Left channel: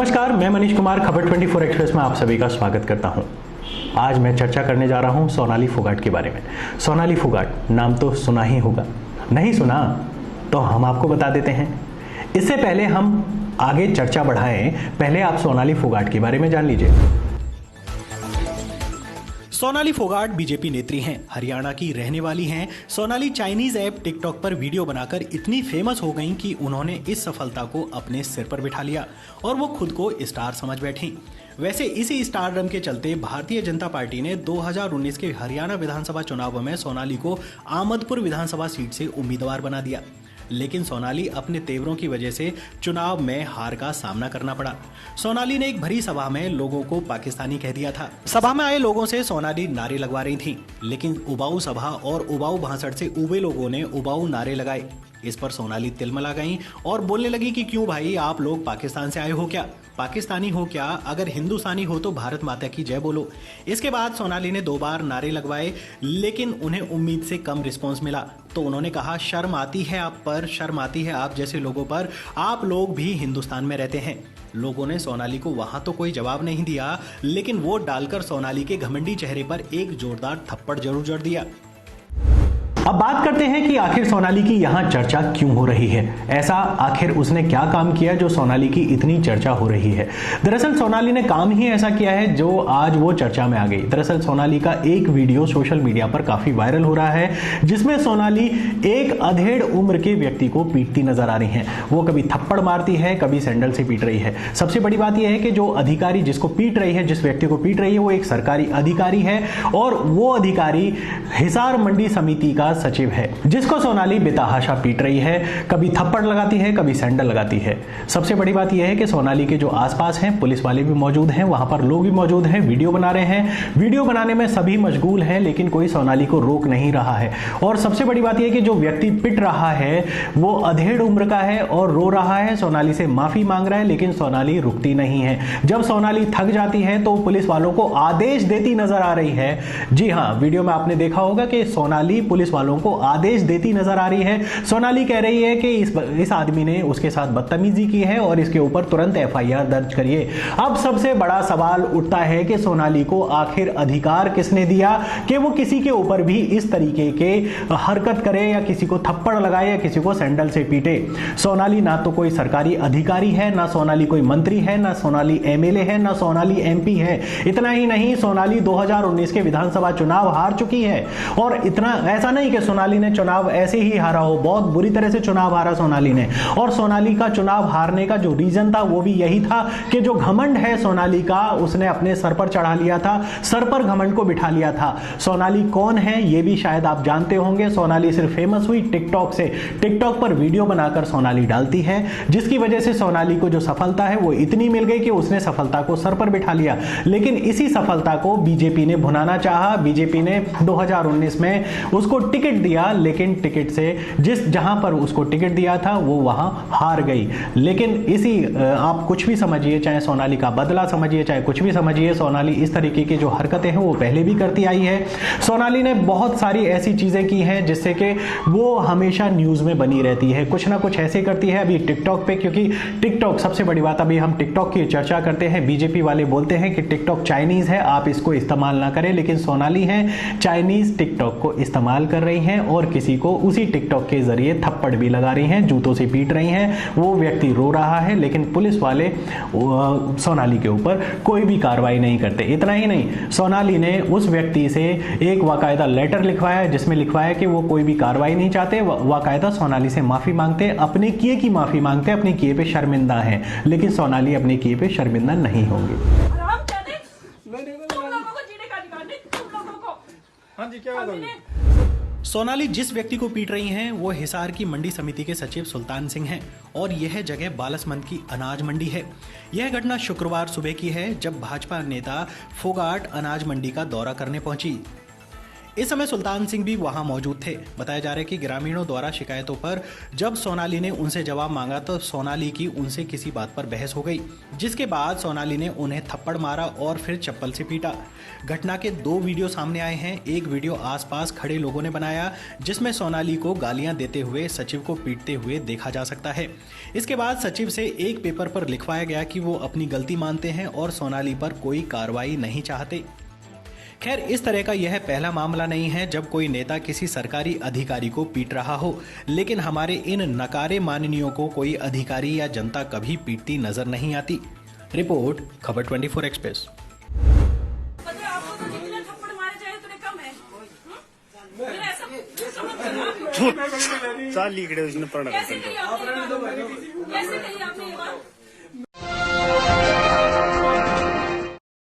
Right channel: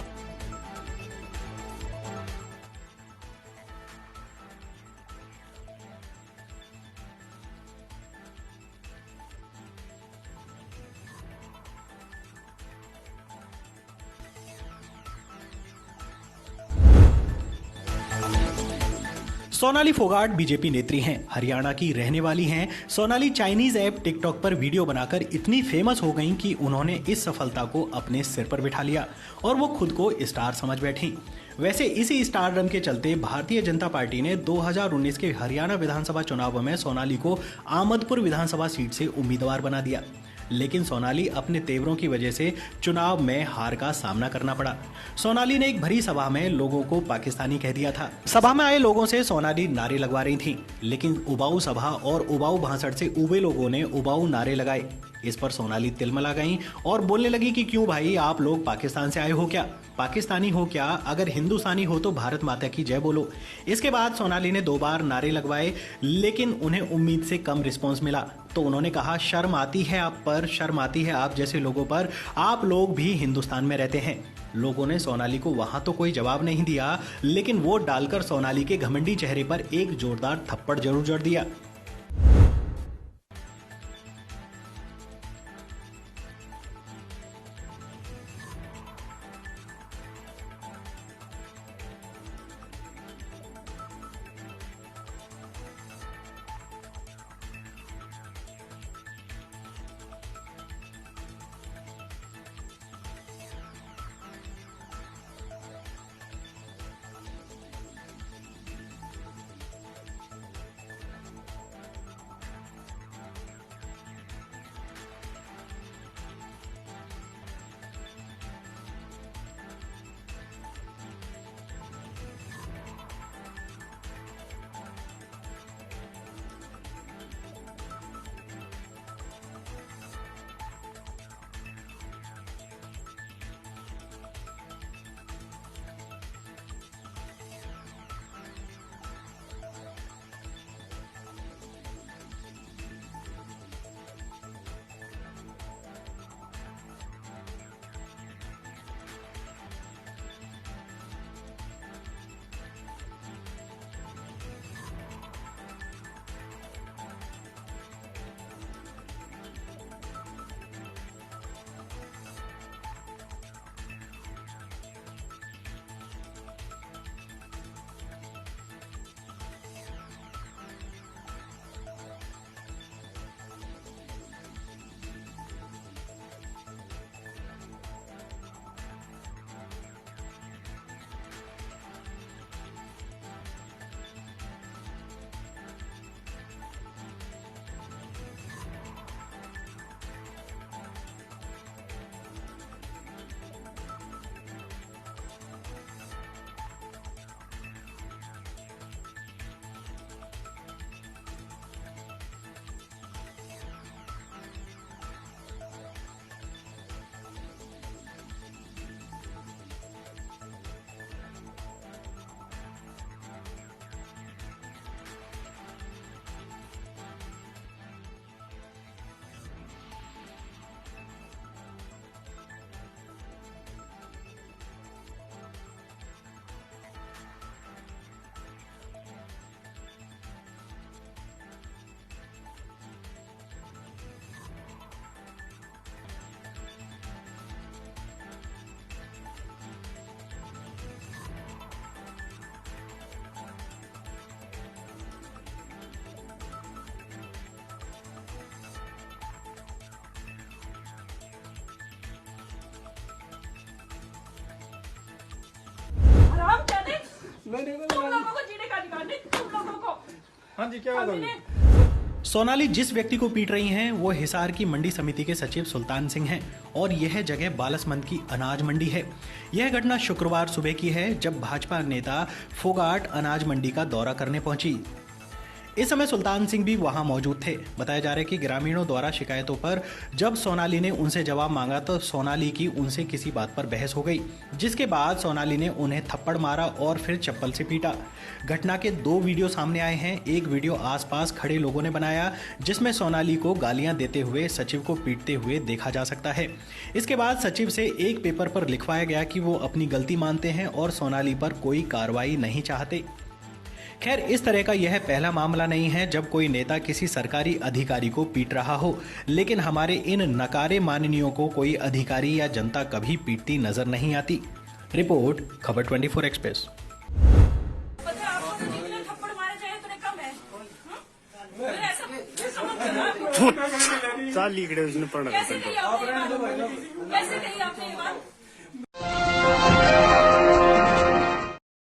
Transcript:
नमस्कार, मैं मनीष कुमार खबर 24 एक्सप्रेस में आप सभी का स्वागत करता हूं। आज मैं चर्चा करने जा रहा हूं सोनाली फोगाट के बारे में। सोनाली फोगाट नाम तो सुना ही होगा, नहीं सुना तो हम आपको बता देते हैं। इससे पहले हम आगे चर्चा बढ़ाएं, पहले आप सोनाली फोगाट के बारे में जान लीजिए। सोनाली फोगाट बीजेपी नेत्री हैं, हरियाणा की रहने वाली हैं। सोनाली चाइनीज ऐप टिकटॉक पर वीडियो बनाकर इतनी फेमस हो गईं कि उन्होंने इस सफलता को अपने सिर पर बिठा लिया और वो खुद को स्टार समझ बैठी। वैसे इसी स्टारडम के चलते भारतीय जनता पार्टी ने 2019 के हरियाणा विधानसभा चुनाव में सोनाली को आमदपुर विधानसभा सीट से उम्मीदवार बना दिया, लेकिन सोनाली अपने तेवरों की वजह से चुनाव में हार का सामना करना पड़ा। सोनाली ने एक भरी सभा में लोगों को पाकिस्तानी कह दिया था। सभा में आए लोगों से सोनाली नारे लगवा रही थी, लेकिन उबाऊ सभा और उबाऊ भाषण से उबे लोगों ने उबाऊ नारे लगाए। इस पर सोनाली तिलमिला गई और बोलने लगी कि क्यों भाई, आप लोग पाकिस्तान से आए हो क्या? पाकिस्तानी हो क्या? अगर हिंदुस्तानी हो तो भारत माता की जय बोलो। इसके बाद सोनाली ने 2 बार नारे लगवाए, लेकिन उन्हें उम्मीद से कम रिस्पॉन्स मिला। तो उन्होंने कहा, शर्म आती है आप पर, शर्म आती है आप जैसे लोगों पर, आप लोग भी हिंदुस्तान में रहते हैं। लोगों ने सोनाली को वहां तो कोई जवाब नहीं दिया, लेकिन वोट डालकर सोनाली के घमंडी चेहरे पर एक जोरदार थप्पड़ जरूर जड़ दिया। अब बात करते हैं कि आखिर सोनाली की यहाँ चर्चा क्यों हो रही है। ऐसा आखिर उसने क्या काम किया जो सोनाली की इतनी चर्चा हो रही है। दरअसल सोनाली ने काम ही ऐसा किया है जो आज वो चर्चा में आ गई। दरअसल सोनाली का एक वीडियो सोशल मीडिया पर काफी वायरल हो रहा है, जिसमें सोनाली एक अधेड़ उम्र के व्यक्ति को पीटती नजर आ रही है। वो कभी थप्पड़ मारती है, कभी सैंडल से पीट रही है। सबसे बड़ी बात यह है कि जो अधिकारी जिसको पीट रही है, जिस व्यक्ति को पीट रही है, वो एक सरकारी अधिकारी है और वो अधिकारी हिसार मंडी समिति का सचिव है, जिसको सोनाली बेतहाशा पीट रही है। कभी थप्पड़ लगाती है, कभी सैंडल लगाती है। सबसे बड़ी बात यह है कि सोनाली के जो आसपास हैं पुलिस वाले भी मौजूद हैं, वहां पर लोग भी मौजूद हैं, वीडियो बना रहे हैं। वीडियो बनाने में सभी मशगूल हैं, लेकिन कोई सोनाली को रोक नहीं रहा है। और सबसे बड़ी बात यह है कि जो व्यक्ति पिट रहा है वो अधेड़ उम्र का है और रो रहा है, सोनाली से माफी मांग रहा है, लेकिन सोनाली रुकती नहीं है। जब सोनाली थक जाती है तो पुलिस वालों को आदेश देती नजर आ रही है। जी हाँ, वीडियो में आपने देखा होगा कि सोनाली पुलिस वालों को आदेश देती नजर आ रही है। सोनाली कह रही है कि इस आदमी ने उसके साथ बदतमीजी की है और इसके ऊपर तुरंत एफआईआर दर्ज करिए। अब सबसे बड़ा सवाल उठता है कि सोनाली को आखिर अधिकार किसने दिया कि वो किसी के ऊपर भी इस तरीके के हरकत करे या किसी को थप्पड़ लगाए या किसी को सैंडल से पीटे। सोनाली ना तो कोई सरकारी अधिकारी है, ना सोनाली कोई मंत्री है, ना सोनाली एमएलए है, ना सोनाली एमपी है। इतना ही नहीं, सोनाली 2019 के विधानसभा चुनाव हार चुकी है। और इतना ऐसा नहीं कि सोनाली ने चुनाव ऐसे ही हारा हो, बहुत बुरी तरह से चुनाव हारा सोनाली ने। और सोनाली का चुनाव हारने का जो रीजन था वो भी यही था कि जो घमंड है सोनाली का, उसने अपने सर पर चढ़ा लिया था, सर पर घमंड को बिठा लिया था। सोनाली कौन है ये भी शायद आप जानते होंगे। सोनाली सिर्फ फेमस हुई टिकटॉक से। टिकटॉक पर वीडियो बनाकर सोनाली डालती है, जिसकी वजह से सोनाली को जो सफलता है वो इतनी मिल गई कि उसने सफलता को सर पर बिठा लिया। लेकिन इसी सफलता को बीजेपी ने भुनाना चाहा। बीजेपी ने 2019 में उसको टिकट दिया, लेकिन टिकट से जहां पर उसको टिकट दिया था वो वहां हार गई। लेकिन इसी आप कुछ भी समझिए, चाहे सोनाली का बदला समझिए, चाहे कुछ भी समझिए, सोनाली इस तरीके की जो हरकतें हैं वो पहले भी करती आई है। सोनाली ने बहुत सारी ऐसी चीजें की हैं जिससे कि वो हमेशा न्यूज में बनी रहती है, कुछ ना कुछ ऐसे करती है। अभी टिकटॉक पे, क्योंकि टिकटॉक सबसे बड़ी बात, अभी हम टिकटॉक की चर्चा करते हैं, बीजेपी वाले बोलते हैं कि टिकटॉक चाइनीज है, आप इसको इस्तेमाल ना करें, लेकिन सोनाली है चाइनीज टिकटॉक को इस्तेमाल कर रही हैं और किसी को उसी टिकटॉक के जरिए थप्पड़ भी लगा रही हैं, जूतों से पीट रही हैं। वो व्यक्ति रो रहा है, लेकिन पुलिस वाले सोनाली के ऊपर कोई भी कार्रवाई नहीं करते। इतना ही नहीं, सोनाली ने उस व्यक्ति से एक बाकायदा लेटर लिखवाया, जिसमें लिखवाया कि वो कोई भी कार्रवाई नहीं चाहते, बाकायदा सोनाली से माफी मांगते, अपने किए की माफी मांगते, अपने किए पे शर्मिंदा हैं। लेकिन सोनाली अपने किए पे शर्मिंदा नहीं होंगी। हाँ जी, क्या बात है? सोनाली जिस व्यक्ति को पीट रही हैं वो हिसार की मंडी समिति के सचिव सुल्तान सिंह हैं और यह जगह बालसमंद की अनाज मंडी है। यह घटना शुक्रवार सुबह की है, जब भाजपा नेता फोगाट अनाज मंडी का दौरा करने पहुंची। इस समय सुल्तान सिंह भी वहां मौजूद थे। बताया जा रहा है कि ग्रामीणों द्वारा शिकायतों पर जब सोनाली ने उनसे जवाब मांगा तो सोनाली की उनसे किसी बात पर बहस हो गई, जिसके बाद सोनाली ने उन्हें थप्पड़ मारा और फिर चप्पल से पीटा। घटना के 2 वीडियो सामने आए हैं। एक वीडियो आसपास खड़े लोगों ने बनाया जिसमें सोनाली को गालियां देते हुए सचिव को पीटते हुए देखा जा सकता है। इसके बाद सचिव से एक पेपर पर लिखवाया गया कि वो अपनी गलती मानते हैं और सोनाली पर कोई कार्रवाई नहीं चाहते। खैर, इस तरह का यह पहला मामला नहीं है जब कोई नेता किसी सरकारी अधिकारी को पीट रहा हो, लेकिन हमारे इन नकारे माननीयों को कोई अधिकारी या जनता कभी पीटती नजर नहीं आती। रिपोर्ट खबर 24 एक्सप्रेस। चाल इकडे पडणार कैसे कही आपने ये बात?